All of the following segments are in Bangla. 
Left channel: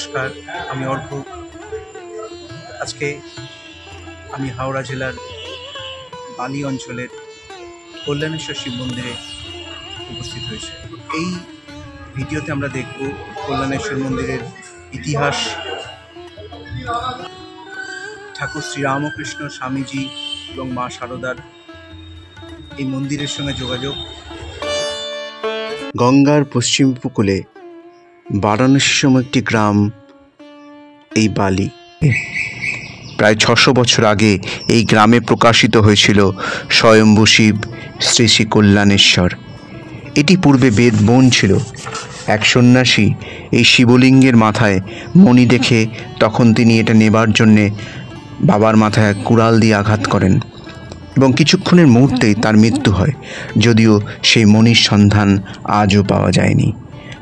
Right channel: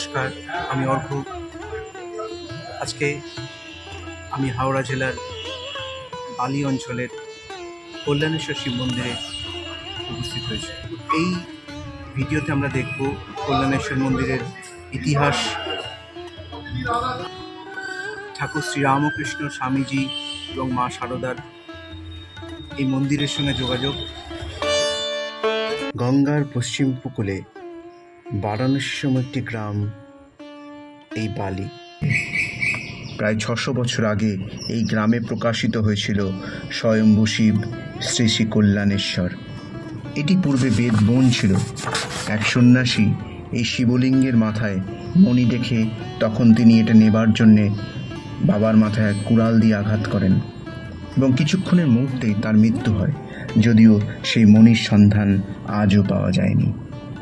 নমস্কার, আমি অর্ঘ। আজকে আমি হাওড়া জেলার বালি অঞ্চলের কল্যাণেশ্বর শিব মন্দিরে উপস্থিত হয়েছি। এই ভিডিওতে আমরা দেখব কল্যাণেশ্বর মন্দিরের ইতিহাস, ঠাকুর শ্রীরামকৃষ্ণ স্বামীজি এবং মা শারদার এই মন্দিরের সঙ্গে যোগাযোগ। গঙ্গার পশ্চিম উপকূলে বারাণসীসম একটি গ্রাম এই বালি। প্রায় 600 বছর আগে এই গ্রামে প্রকাশিত হয়েছিল স্বয়ম্ভু শিব শ্রী শ্রী কল্যাণেশ্বর। এটি পূর্বে বেদ বন ছিল। এক সন্ন্যাসী এই শিবলিঙ্গের মাথায় মণি দেখে তখন তিনি এটা নেবার জন্যে বাবার মাথায় কুড়াল দিয়ে আঘাত করেন এবং কিছুক্ষণের মুহূর্তেই তার মৃত্যু হয়। যদিও সেই মণির সন্ধান আজও পাওয়া যায়নি,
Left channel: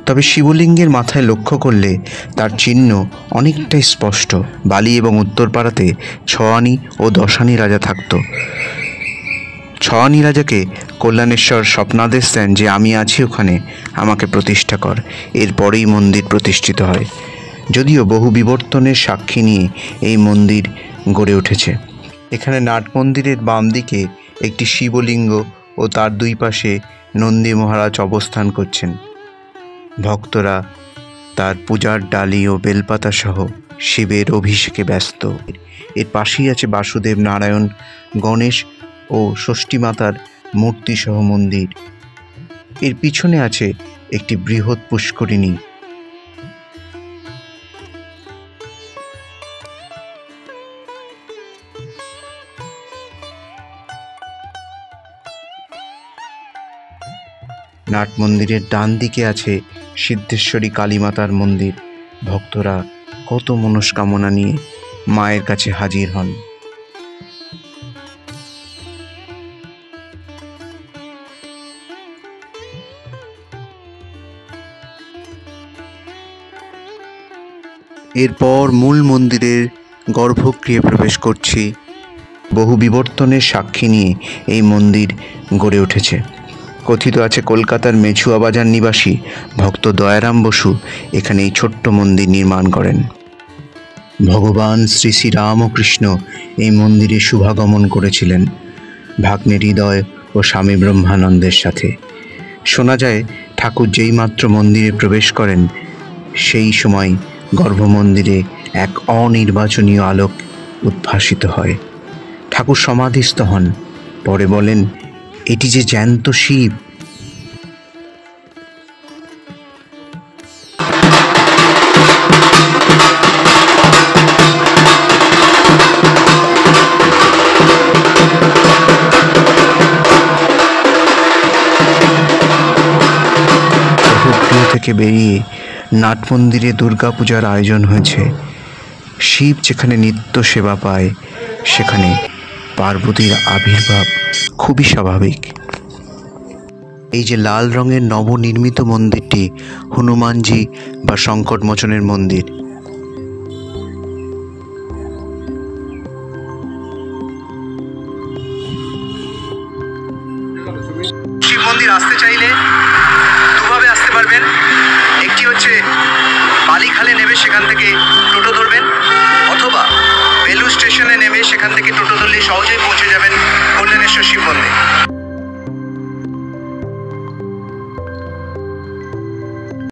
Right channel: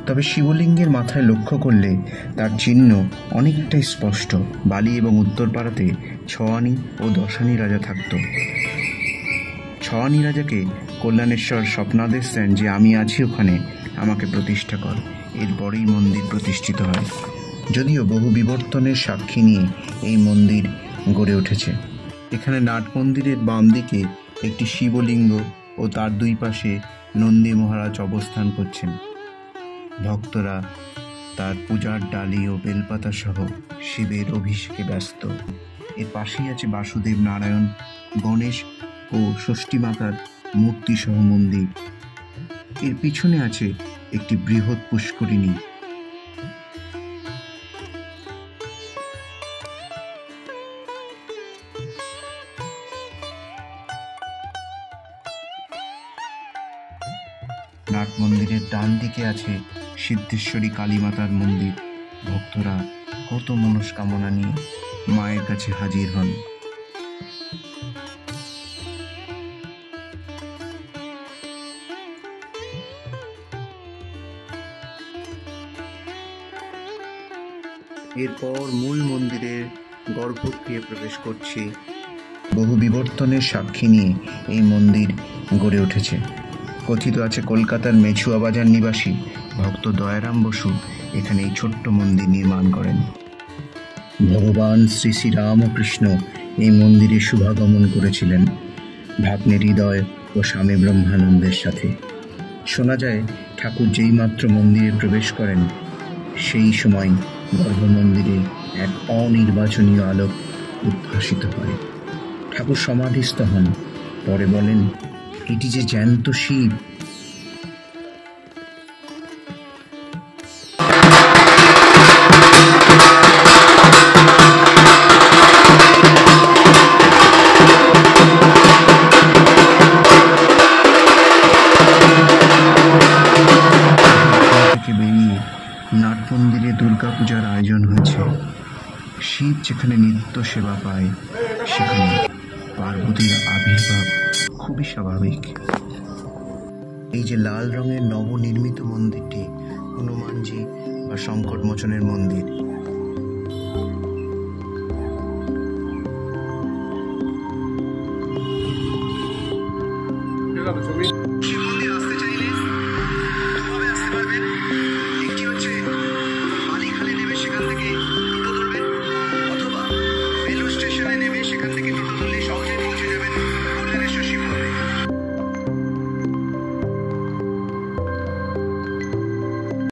তবে শিবলিঙ্গের মাথায় লক্ষ্য করলে তার চিহ্ন অনেকটাই স্পষ্ট। বালি এবং উত্তরপাড়াতে 6 আনি ও 10 আনি রাজা থাকত। 6 আনি রাজাকে কল্যাণেশ্বর স্বপ্নাদেশ দেন যে আমি আছি ওখানে, আমাকে প্রতিষ্ঠা কর। এরপরেই মন্দির প্রতিষ্ঠিত হয়। যদিও বহু বিবর্তনের সাক্ষী নিয়ে এই মন্দির গড়ে উঠেছে। এখানে নাট মন্দিরের বাম দিকে একটি শিবলিঙ্গ ও তার দুই পাশে নন্দী মহারাজ অবস্থান করছেন। ভক্তরা তার পূজার ডালি ও বেলপাতা সহ শিবের অভিষেকে ব্যস্ত। এর পাশেই আছে বাসুদেব, নারায়ণ, গণেশ ও ষষ্ঠী মাতার মূর্তি সহ মন্দির। এর পিছনে আছে একটি বৃহৎ পুষ্করিণী। নাট মন্দিরের ডান দিকে আছে সিদ্ধেশ্বরী কালীমাতার মন্দির। ভক্তরা কত মনস্কামনা নিয়ে মায়ের কাছে হাজির হন। এরপর মূল মন্দিরের গর্ভগৃহে প্রবেশ করছি। বহু বিবর্তনের সাক্ষী নিয়ে এই মন্দির গড়ে উঠেছে। কথিত আছে কলকাতার মেছুয়া বাজার নিবাসী ভক্ত দয়ারাম বসু এখানে এই ছোট্ট মন্দির নির্মাণ করেন। ভগবান শ্রী শ্রী রামকৃষ্ণ এই মন্দিরে শুভাগমন করেছিলেন ভাগ্নে হৃদয় ও স্বামী ব্রহ্মানন্দের সাথে। শোনা যায় ঠাকুর যেই মাত্র মন্দিরে প্রবেশ করেন সেই সময় গর্ভমন্দিরে এক অনির্বাচনীয় আলোক উদ্ভাসিত হয়। ঠাকুর সমাধিস্থ হন। পরে বলেন, এটি যে জ্যান্ত শিব। থেকে বেরিয়ে নাট মন্দিরে দুর্গাপূজার আয়োজন হয়েছে। শিব যেখানে নিত্য সেবা পায় সেখানে পার্বতীর আবির্ভাব খুবই স্বাভাবিক। এই যে লাল রঙের নবনির্মিত মন্দিরটি হনুমানজি বা সংকটমোচনের মন্দির। শিব মন্দির আসতে চাইলে দুভাবে আসতে পারবেন। একটি হচ্ছে বালিখালে নেমে সেখান থেকে টোটো ধরবেন, অথবা বেলুড় স্টেশনে নেমে সেখান থেকে টোটো ধরলে সহজেই পৌঁছে যাবেন কল্যাণেশ্বর শিব মন্দির।